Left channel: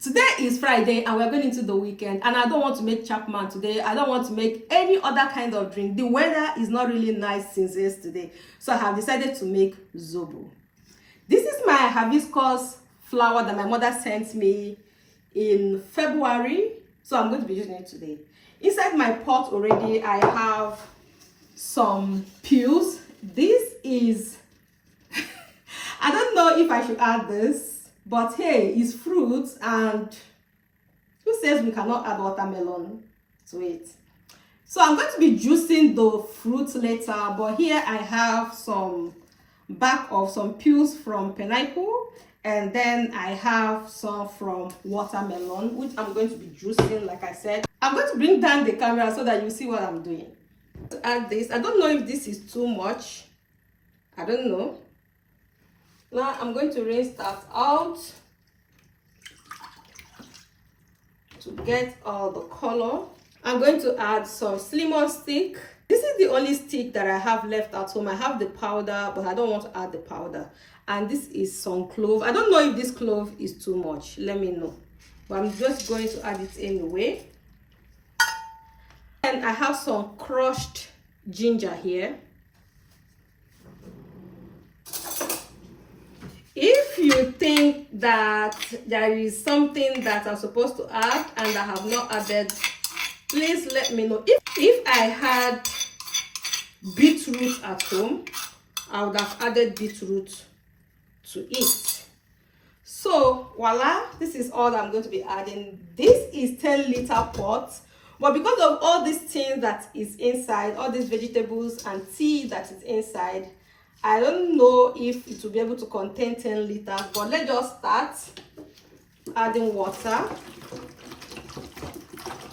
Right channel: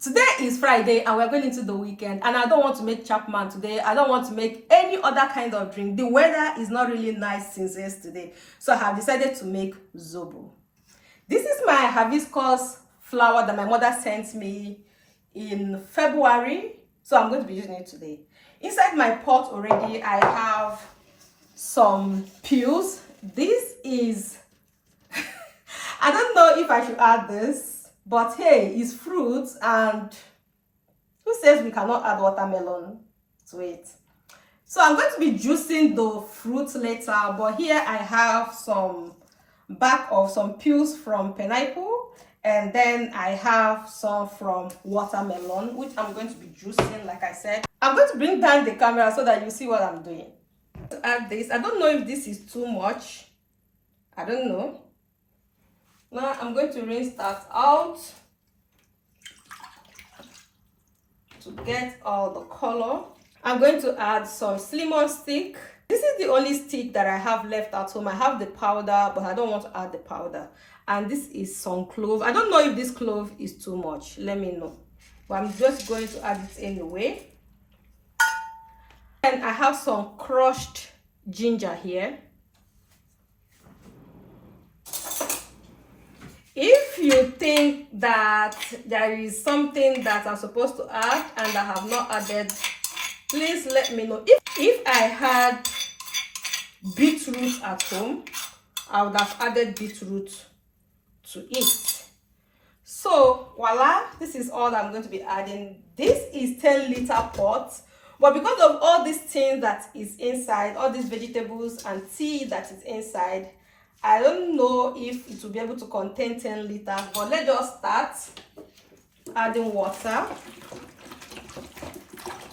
Today is Friday and we're going into the weekend, and I don't want to make Chapman today. I don't want to make any other kind of drink. The weather is not really nice since yesterday, so I have decided to make zobo. This is my hibiscus flower that my mother sent me in February, so I'm going to be using it today. Inside my pot already I have some peels. This is I don't know if I should add this, but hey, it's fruits, and who says we cannot add watermelon to it? So I'm going to be juicing the fruits later, but here I have some back of some peels from pineapple, and then I have some from watermelon, which I'm going to be juicing. Like I said, I'm going to bring down the camera so that you see what I'm doing. To add this, I don't know if this is too much. I don't know. Now I'm going to rinse that out to get all the color. I'm going to add some cinnamon stick. This is the only stick that I have left at home. I have the powder, but I don't want to add the powder. And this is some clove. I don't know if this clove is too much. Let me know. But I'm just going to add it anyway. And I have some crushed ginger here. If you think that there is something that I'm supposed to add and I have not added, please let me know. If I had beetroot at home, I would have added beetroot to it. So voila, this is all I'm going to be adding. This is 10-liter pot, but because of all these things that is inside, all these vegetables and tea that is inside, I don't know if it will be able to contain 10 liters, but let's just start adding water.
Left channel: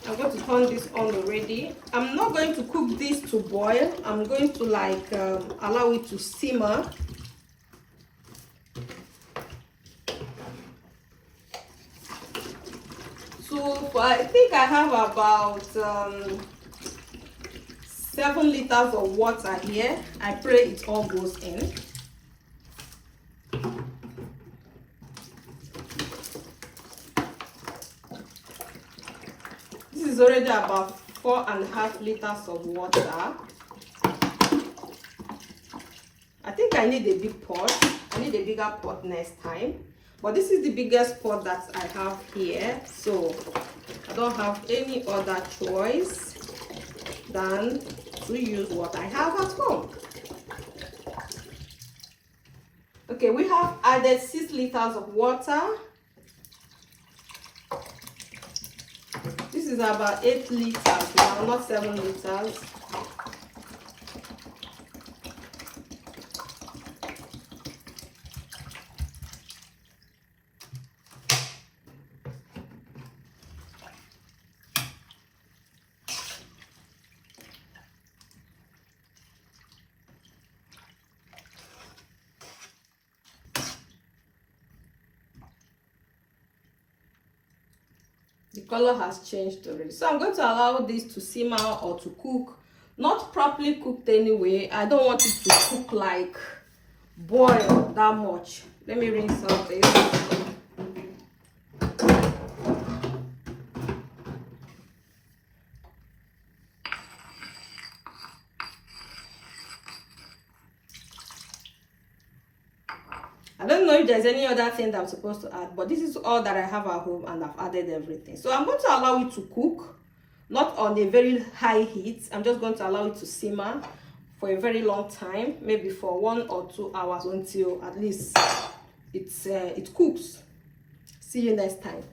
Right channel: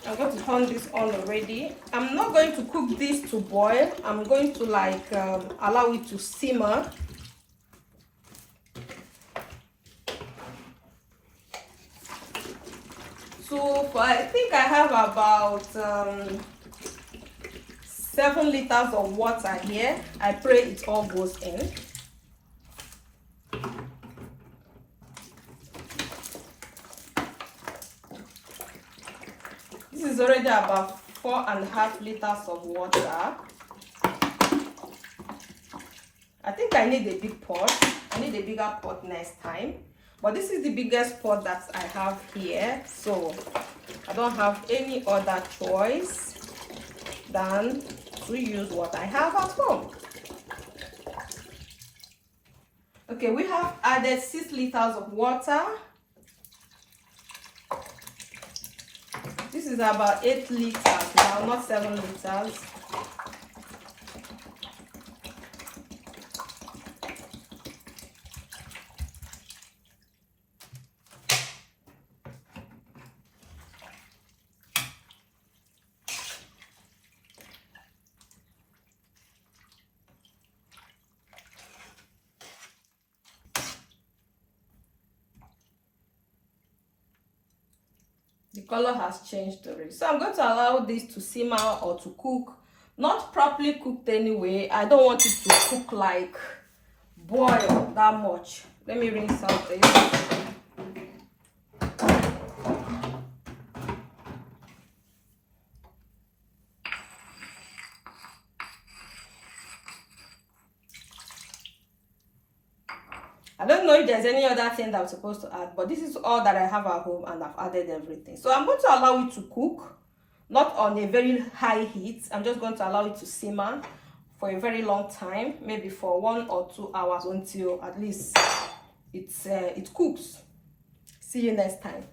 I'm going to turn this on already. I'm not going to cook this to boil. I'm going to allow it to simmer. So I think I have about 7 liters of water here. I pray it all goes in. This is already about 4.5 liters of water. I think I need a big pot. I need a bigger pot next time. But this is the biggest pot that I have here, so I don't have any other choice than to use what I have at home. Okay, we have added 6 liters of water. This is about 8 liters now, not 7 liters. The color has changed already, so I'm going to allow this to simmer or to cook. Not properly cooked anyway. I don't want it to cook like boil that much. Let me rinse out this. I don't know if there's any other thing that I'm supposed to add, but this is all that I have at home and I've added everything. So I'm going to allow it to cook, not on a very high heat. I'm just going to allow it to simmer for a very long time, maybe for 1 or 2 hours, until at least it cooks. See you next time.